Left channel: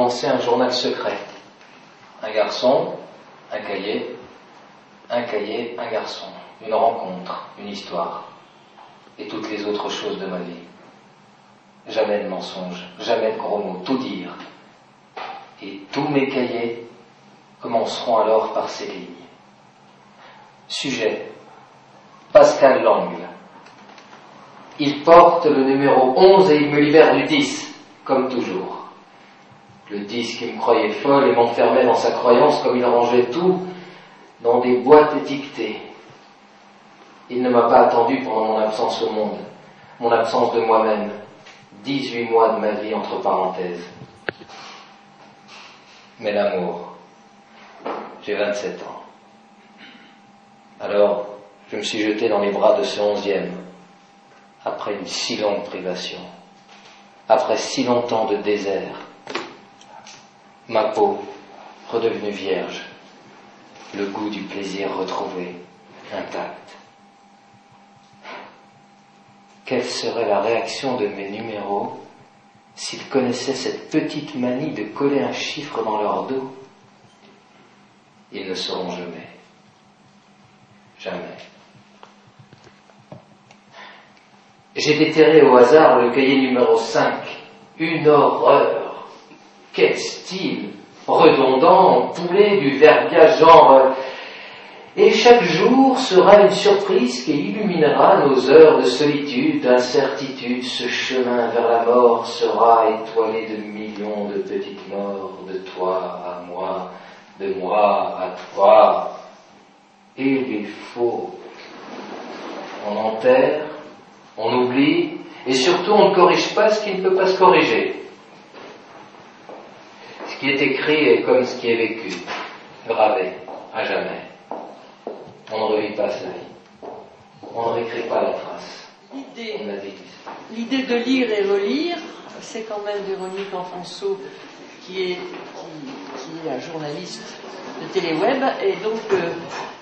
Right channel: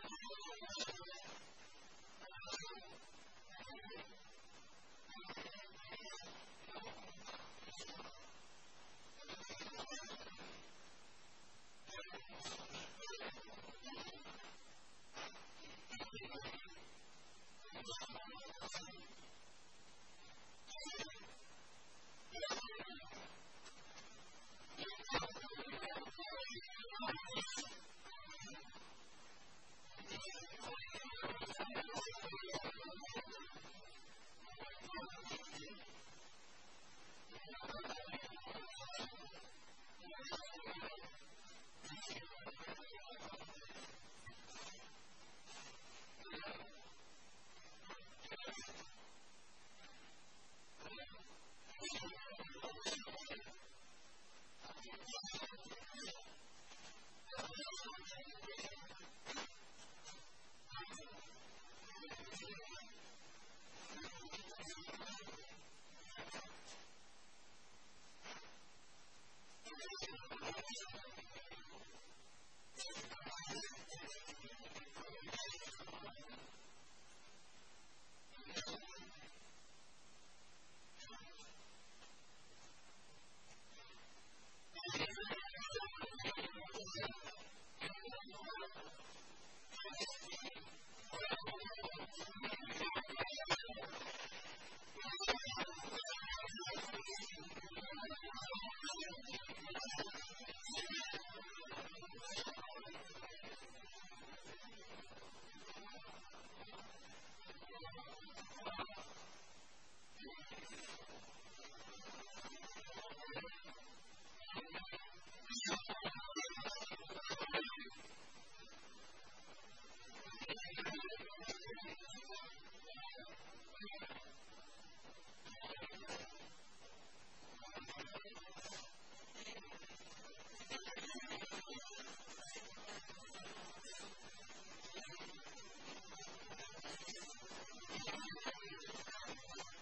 commencer un journal secret. Un garçon, un cahier, un garçon, une rencontre, une histoire, et toutes les autres choses de ma vie. Jamais de mensonges, jamais de gros mots, tout dire. Et tous mes cahiers commenceront alors par ces lignes. Sujet, Pascal Langle. Il porte le numéro 11 et il me libère du 10, comme toujours. Le 10 qui me croyait folle et m'enfermait dans sa croyance comme il rangeait tout dans des boîtes étiquetées. Il ne m'a pas attendu pendant mon absence au monde, mon absence de moi-même, 18 mois de ma vie entre parenthèses. Mais l'amour, j'ai 27 ans. Alors, je me suis jeté dans les bras de ce 11e, après une si longue privation, après si longtemps de désert. Ma peau redevenue vierge, le goût du plaisir retrouvé, intact. Quelle serait la réaction de mes numéros s'ils connaissaient cette petite manie de coller un chiffre dans leur dos? Ils ne sauront jamais. Jamais. J'ai déterré au hasard le cahier numéro 5. Une horreur. Quel style redondant, poulet, du verbiage genre... Et chaque jour sera une surprise qui illuminera nos heures de solitude, d'incertitude. Ce chemin vers la mort sera étoilé de millions de petites morts, de toi à moi, de moi à toi. Et il faut. On enterre, on oublie, et surtout on ne corrige pas ce qui ne peut pas se corriger. Ce qui est écrit est comme ce qui est vécu, gravé, à jamais. On ne revit pas sa vie. On ne réécrit pas la trace. L'idée de lire et relire, c'est quand même Véronique Enfonceau, qui est un journaliste de Téléweb, et donc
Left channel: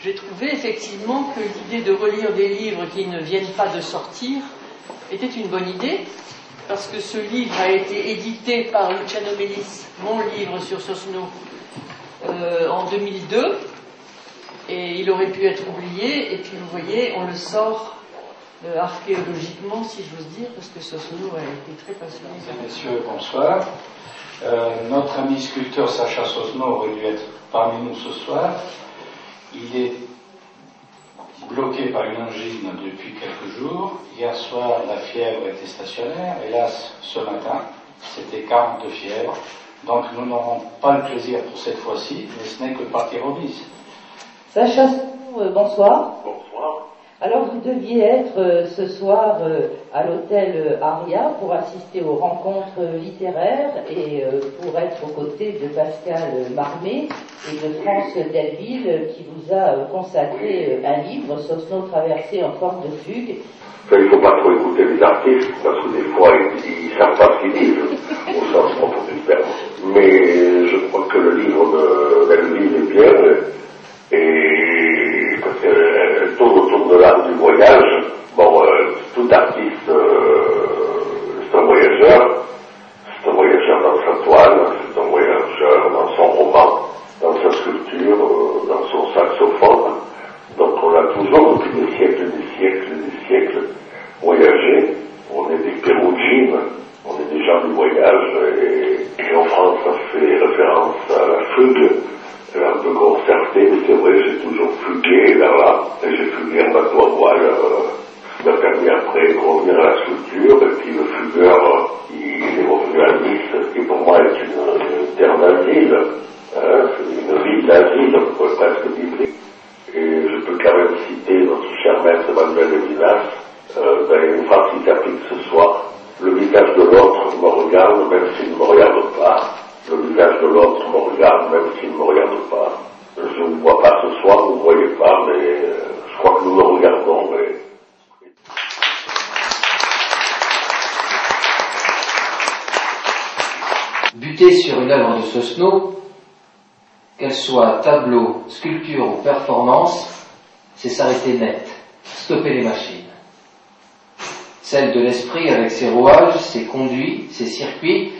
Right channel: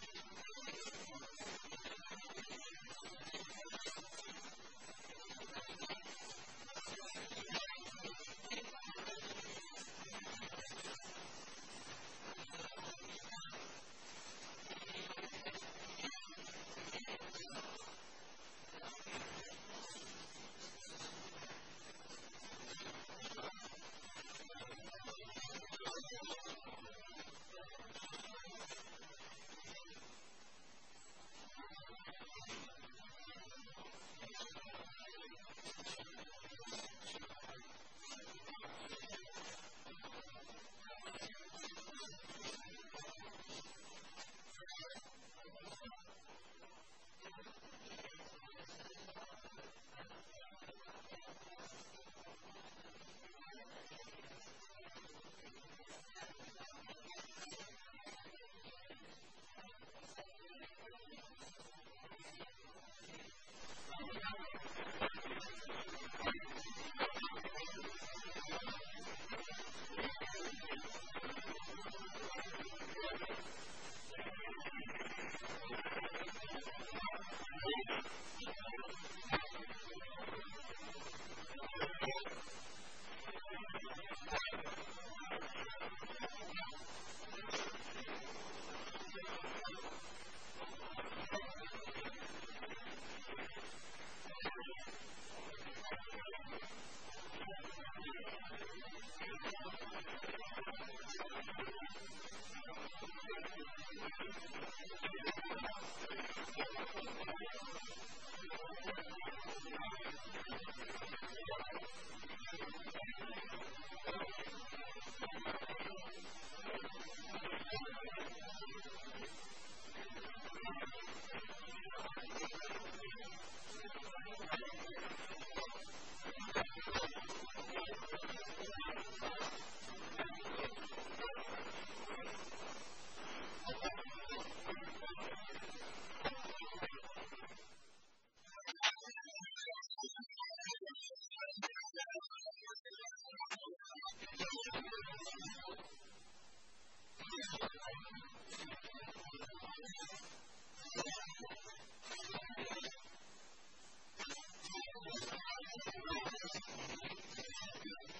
j'ai trouvé effectivement que l'idée de relire des livres qui ne viennent pas de sortir était une bonne idée, parce que ce livre a été édité par Luciano Melis, mon livre sur Sosno, en 2002, et il aurait pu être oublié, et puis vous voyez, on le sort archéologiquement, si j'ose dire, parce que Sosno a été très passionné. Messieurs, bonsoir. Notre ami sculpteur Sacha Sosno aurait dû être parmi nous ce soir. Il est bloqué par une angine depuis quelques jours. Hier soir, la fièvre était stationnaire. Hélas, ce matin, c'était 40 de fièvre. Donc nous n'aurons pas le plaisir pour cette fois-ci, mais ce n'est que partie remise. Sacha, bonsoir. Bonsoir. Alors vous deviez être ce soir à l'hôtel Aria pour assister aux rencontres littéraires et pour être aux côtés de Pascal Marmé et de France Delville qui vous a consacré un livre, Sosno traversé en forme de fugue. Il ne faut pas trop écouter les artistes parce que des fois ils ne savent pas ce qu'ils disent au sens propre du terme. Mais je crois que le livre de Delville est bien. Et parce qu'elle tourne autour de l'art du voyage. Bon, tout artiste, c'est un voyageur. C'est un voyageur dans sa toile, c'est un voyageur dans son roman, dans sa sculpture, dans son saxophone. Donc on a toujours, depuis des siècles, voyagé. On est des Pérougines, on est des gens du voyage. Et en France, ça fait référence à la fugue. Un peu concerté, mais c'est vrai, j'ai toujours fugué vers là, et j'ai fugué en bateau à voile, qui m'a permis après de revenir à la sculpture, et puis le fugueur, il est revenu à Nice, qui pour moi est une terre d'asile, une ville d'asile, on pourrait presque dire. Et je peux quand même citer notre cher maître Emmanuel Levinas, dans une phrase qui s'applique ce soir: le visage de l'autre me regarde, même s'il ne me regarde pas. Le visage de l'autre me regarde, même s'il ne me regarde pas. Je ne vous vois pas ce soir, vous ne voyez pas, mais je crois que nous le regardons. Mais... Buter sur une œuvre de Sosno, qu'elle soit tableau, sculpture ou performance, c'est s'arrêter net, stopper les machines. Celle de l'esprit avec ses rouages, ses conduits, ses circuits,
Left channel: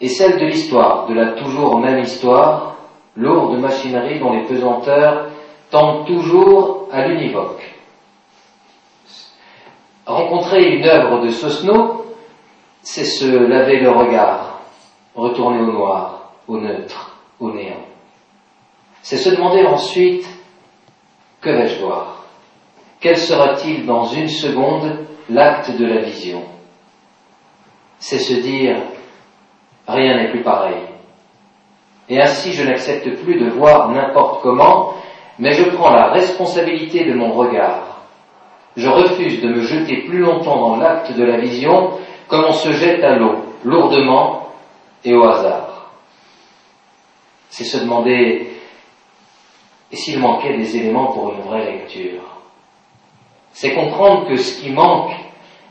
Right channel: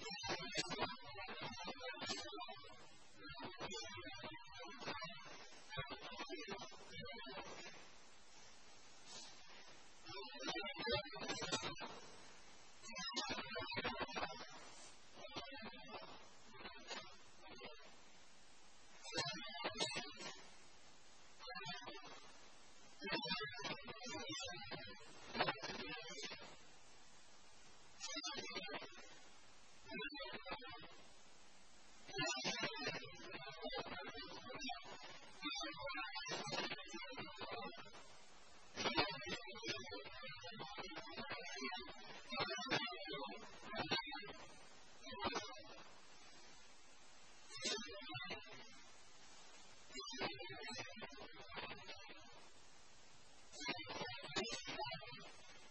est celle de l'histoire, de la toujours même histoire, lourde machinerie dont les pesanteurs tendent toujours à l'univoque. Rencontrer une œuvre de Sosno, c'est se laver le regard, retourner au noir, au neutre, au néant. C'est se demander ensuite, que vais-je voir? Quel sera-t-il dans une seconde l'acte de la vision? C'est se dire, rien n'est plus pareil. Et ainsi je n'accepte plus de voir n'importe comment, mais je prends la responsabilité de mon regard. Je refuse de me jeter plus longtemps dans l'acte de la vision comme on se jette à l'eau, lourdement et au hasard. C'est se demander, et s'il manquait des éléments pour une vraie lecture? C'est comprendre que ce qui manque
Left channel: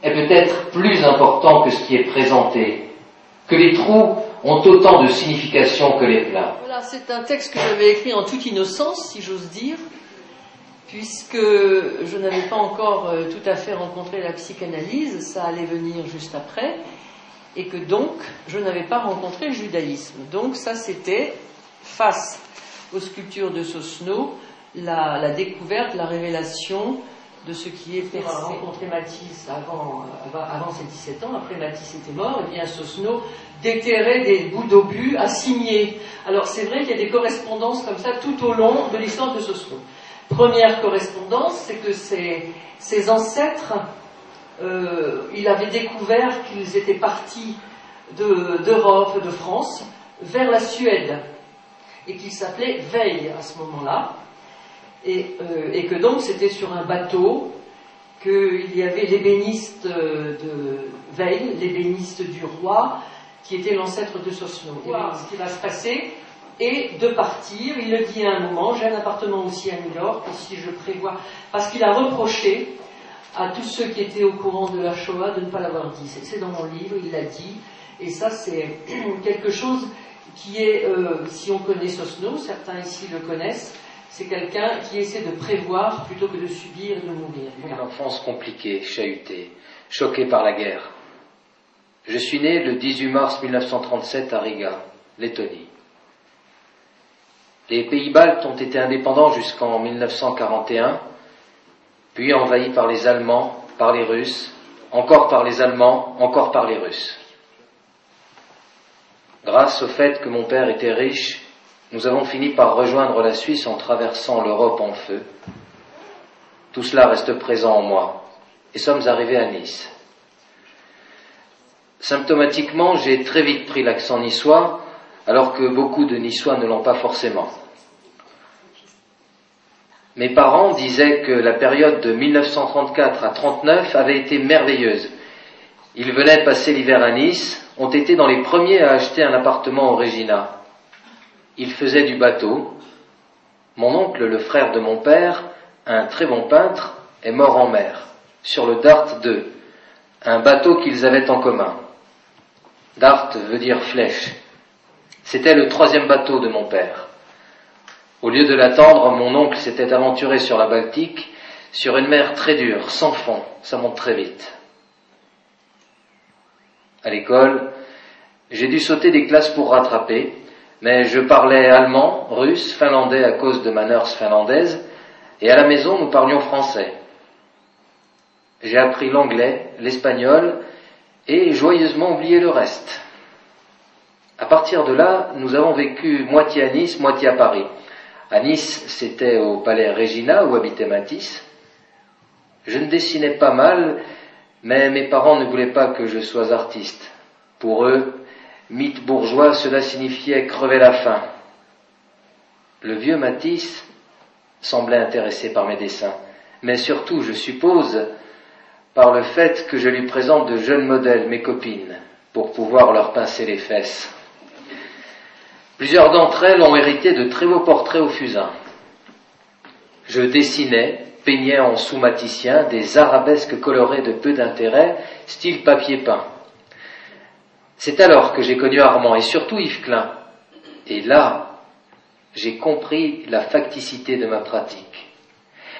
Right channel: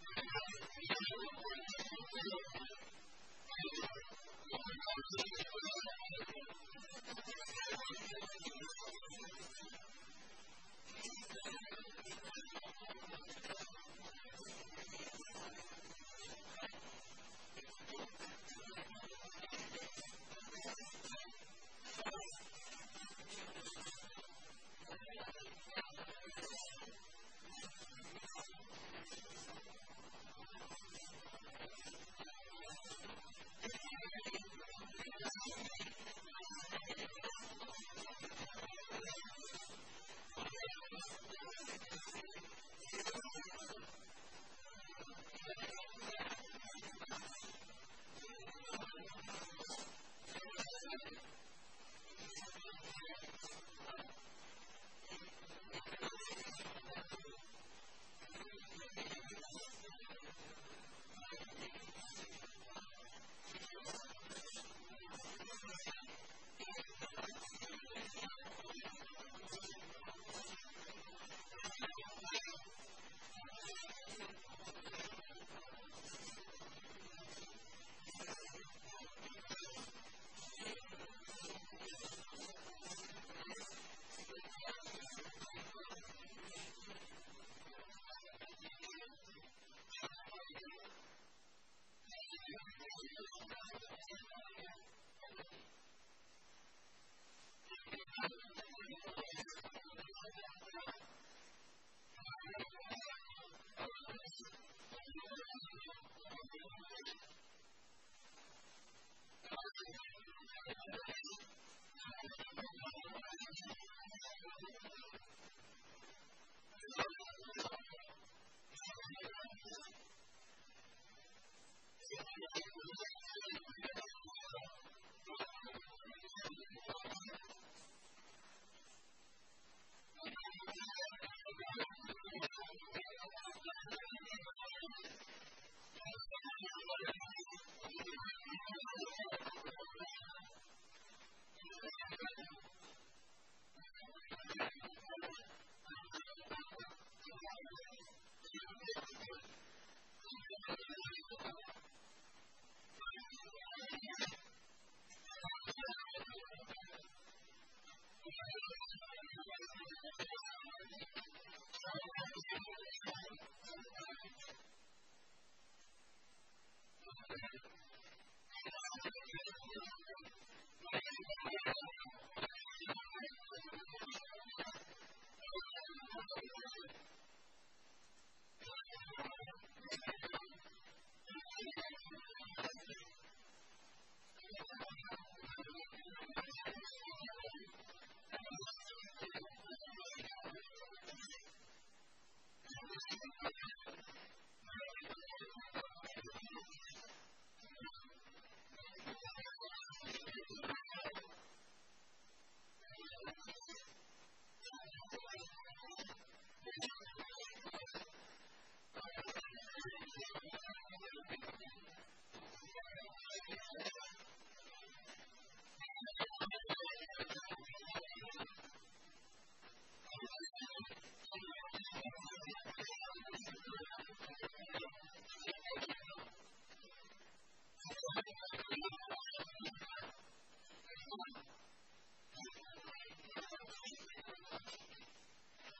est peut-être plus important que ce qui est présenté, que les trous ont autant de signification que les pleins. Voilà, c'est un texte que j'avais écrit en toute innocence, si j'ose dire, puisque je n'avais pas encore tout à fait rencontré la psychanalyse, ça allait venir juste après, et que donc je n'avais pas rencontré le judaïsme. Donc ça, c'était, face aux sculptures de Sosno, la découverte, la révélation de ce qui est percé. On a rencontré Matisse avant ses 17 ans, après Matisse était mort, et bien Sosno déterrait des bouts d'obus à signer. Alors c'est vrai qu'il y a des correspondances comme ça tout au long de l'histoire de Sosno. Première correspondance, c'est que ses ancêtres, il avait découvert qu'ils étaient partis d'Europe, de France, vers la Suède, et qu'ils s'appelaient Veil à ce moment-là, et que donc c'était sur un bateau qu'il y avait l'ébéniste de Veil, l'ébéniste du roi, qui était l'ancêtre de Sosno. Voilà ce qui va se passer, et de partir. Il le dit à un moment, j'ai un appartement aussi à New York, et si je prévois, parce qu'il a reproché à tous ceux qui étaient au courant de la Shoah de ne pas l'avoir dit. C'est dans mon livre, il l'a dit, et ça c'est quelque chose qui est, si on connaît Sosno, certains ici le connaissent, c'est quelqu'un qui essaie de prévoir plutôt que de subir et de mourir. Voilà. Une enfance compliquée, chahutée, choquée par la guerre. Je suis né le 18 mars 1937 à Riga, Lettonie. Les pays baltes ont été indépendants jusqu'en 1941, puis envahis par les Allemands, par les Russes, encore par les Allemands, encore par les Russes. Grâce au fait que mon père était riche, nous avons fini par rejoindre la Suisse en traversant l'Europe en feu. Tout cela reste présent en moi, et sommes arrivés à Nice. Symptomatiquement, j'ai très vite pris l'accent niçois, alors que beaucoup de Niçois ne l'ont pas forcément. Mes parents disaient que la période de 1934 à 1939 avait été merveilleuse. Ils venaient passer l'hiver à Nice, ont été dans les premiers à acheter un appartement au Regina. Ils faisaient du bateau. Mon oncle, le frère de mon père, un très bon peintre, est mort en mer, sur le Dart II, un bateau qu'ils avaient en commun. Dart veut dire flèche. C'était le 3e bateau de mon père. Au lieu de l'attendre, mon oncle s'était aventuré sur la Baltique, sur une mer très dure, sans fond, ça monte très vite. À l'école, j'ai dû sauter des classes pour rattraper, mais je parlais allemand, russe, finlandais à cause de ma nurse finlandaise, et à la maison nous parlions français. J'ai appris l'anglais, l'espagnol, et joyeusement oublié le reste. À partir de là, nous avons vécu moitié à Nice, moitié à Paris. À Nice, c'était au palais Regina où habitait Matisse. Je ne dessinais pas mal, mais mes parents ne voulaient pas que je sois artiste. Pour eux, mythe bourgeois, cela signifiait crever la faim. Le vieux Matisse semblait intéressé par mes dessins, mais surtout, je suppose, par le fait que je lui présente de jeunes modèles, mes copines, pour pouvoir leur pincer les fesses. Plusieurs d'entre elles ont hérité de très beaux portraits au fusain. Je dessinais, peignais en sous-maticien des arabesques colorées de peu d'intérêt, style papier peint. C'est alors que j'ai connu Armand et surtout Yves Klein. Et là, j'ai compris la facticité de ma pratique.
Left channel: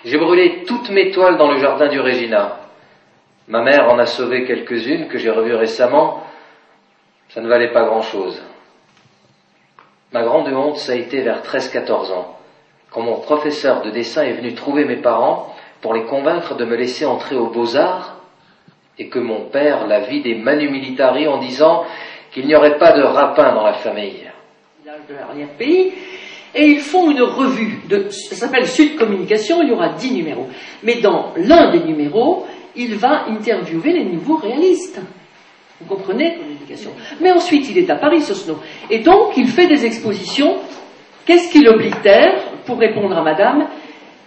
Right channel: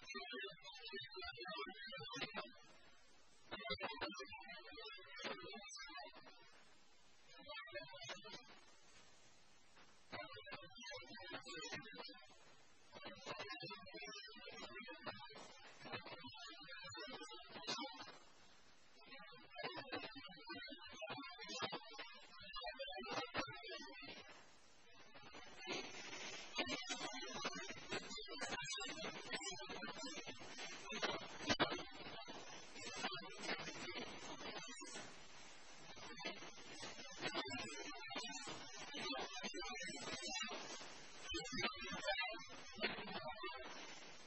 J'ai brûlé toutes mes toiles dans le jardin du Regina. Ma mère en a sauvé quelques-unes que j'ai revues récemment. Ça ne valait pas grand-chose. Ma grande honte, ça a été vers 13-14 ans, quand mon professeur de dessin est venu trouver mes parents pour les convaincre de me laisser entrer aux Beaux-Arts, et que mon père la vit des Manu Militari en disant qu'il n'y aurait pas de rapin dans la famille. De l'arrière-pays, et ils font une revue, ça s'appelle Sud Communication, il y aura 10 numéros. Mais dans l'un des numéros, il va interviewer les nouveaux réalistes. Vous comprenez, communication. Mais ensuite, il est à Paris, Sosno. Et donc, il fait des expositions. Qu'est-ce qui l'oblitère? Pour répondre à madame,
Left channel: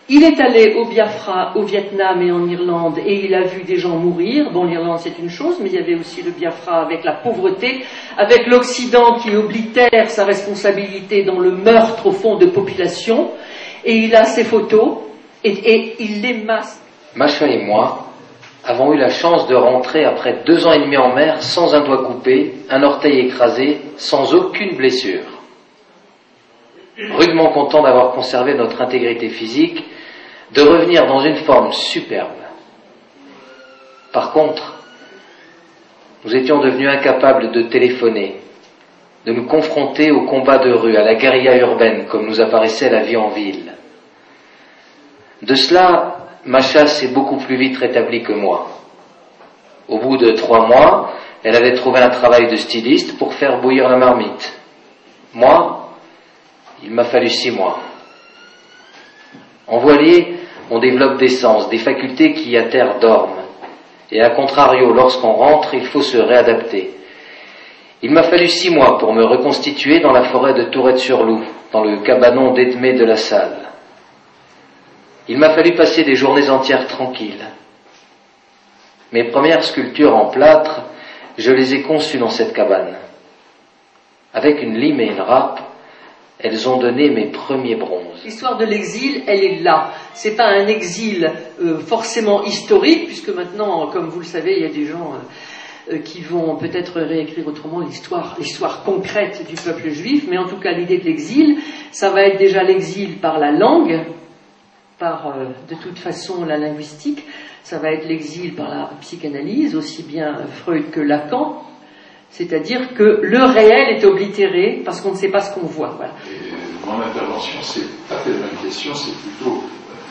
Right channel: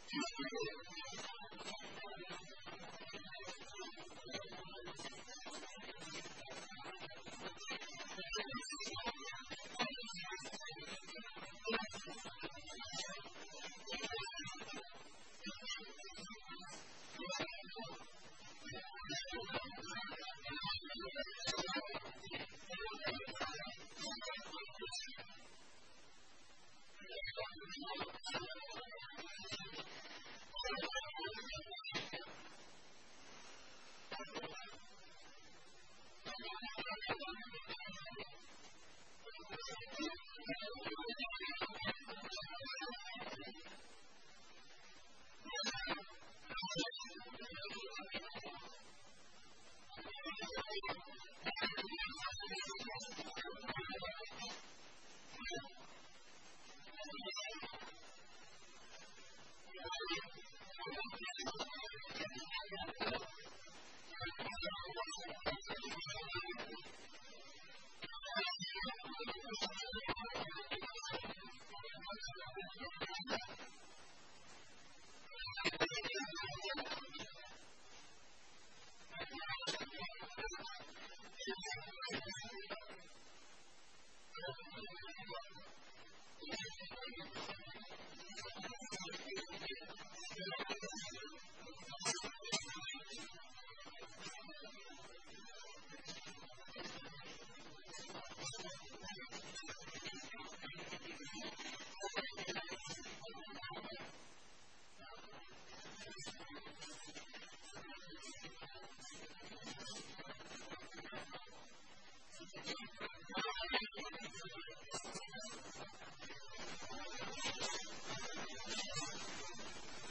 il est allé au Biafra, au Vietnam et en Irlande, et il a vu des gens mourir. Bon, l'Irlande, c'est une chose, mais il y avait aussi le Biafra avec la pauvreté, avec l'Occident qui oblitère sa responsabilité dans le meurtre, au fond, de population. Et il a ses photos, et il les masque. Macha et moi avons eu la chance de rentrer après 2 ans et demi en mer sans un doigt coupé, un orteil écrasé, sans aucune blessure. Rudement content d'avoir conservé notre intégrité physique, de revenir dans une forme superbe. Par contre, nous étions devenus incapables de téléphoner, de nous confronter au combat de rue, à la guérilla urbaine, comme nous apparaissait la vie en ville. De cela, Macha s'est beaucoup plus vite rétablie que moi. Au bout de 3 mois, elle avait trouvé un travail de styliste pour faire bouillir la marmite. Moi, il m'a fallu 6 mois. En voilier, on développe des sens, des facultés qui à terre dorment. Et à contrario, lorsqu'on rentre, il faut se réadapter. Il m'a fallu 6 mois pour me reconstituer dans la forêt de Tourette-sur-Loup, dans le cabanon d'Edmé de la Salle. Il m'a fallu passer des journées entières tranquilles. Mes premières sculptures en plâtre, je les ai conçues dans cette cabane. Avec une lime et une râpe, elles ont donné mes premiers bronzes. L'histoire de l'exil, elle est là. C'est pas un exil forcément historique, puisque maintenant, comme vous le savez, il y a des gens qui vont peut-être réécrire autrement l'histoire concrète du peuple juif, mais en tout cas, l'idée de l'exil, ça va être déjà l'exil par la langue, par de toute façon la linguistique, ça va être l'exil par la psychanalyse, aussi bien Freud que Lacan. C'est-à-dire que le réel est oblitéré parce qu'on ne sait pas ce qu'on voit. Voilà. Mon intervention, c'est pas tellement une question, c'est plutôt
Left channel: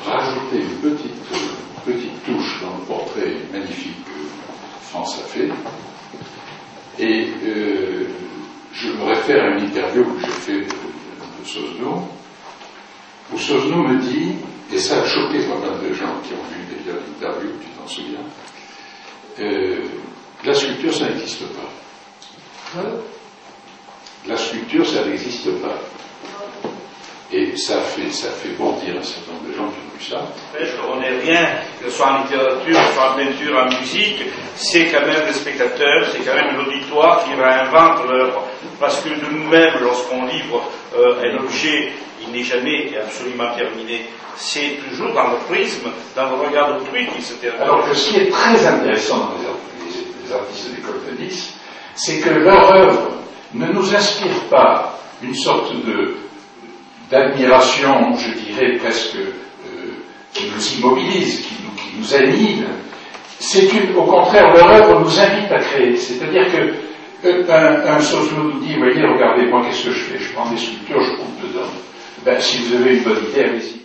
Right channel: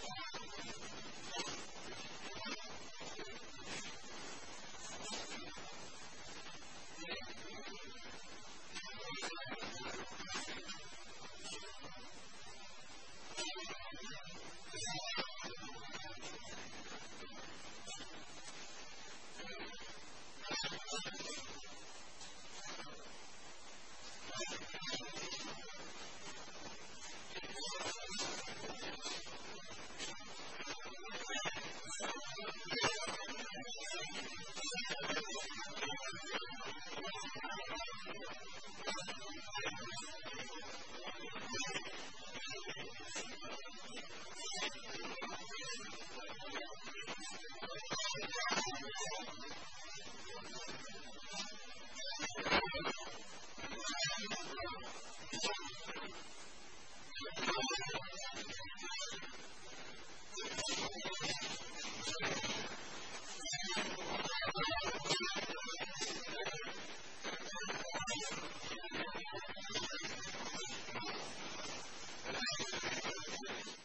rajouter une petite touche dans le portrait magnifique que France a fait. Et je me réfère à une interview que j'ai faite de Sosno, où Sosno me dit, et ça a choqué pas mal de gens qui ont vu déjà l'interview, tu t'en souviens, la sculpture, ça n'existe pas. La sculpture, ça n'existe pas. Et ça fait bondir un certain nombre de gens qui ont vu ça. On n'est rien, que ce soit en littérature, que ce soit en peinture, en musique, c'est quand même le spectateur, c'est quand même l'auditoire qui réinvente l'œuvre. Parce que de nous-mêmes, lorsqu'on livre un objet, il n'est jamais absolument terminé. C'est toujours dans le prisme, dans le regard d'autrui qui se termine. Alors que ce qui est très intéressant dans les artistes de l'école de Nice, c'est que leur œuvre ne nous inspire pas une sorte d'admiration, je dirais presque, qui nous immobilise, qui nous annihile. Au contraire, leur œuvre nous invite à créer. C'est-à-dire qu'un Sosno nous dit, voyez, regardez, moi, qu'est-ce que je fais? Je prends des sculptures, je coupe dedans. Ben, si vous avez une bonne idée, allez-y.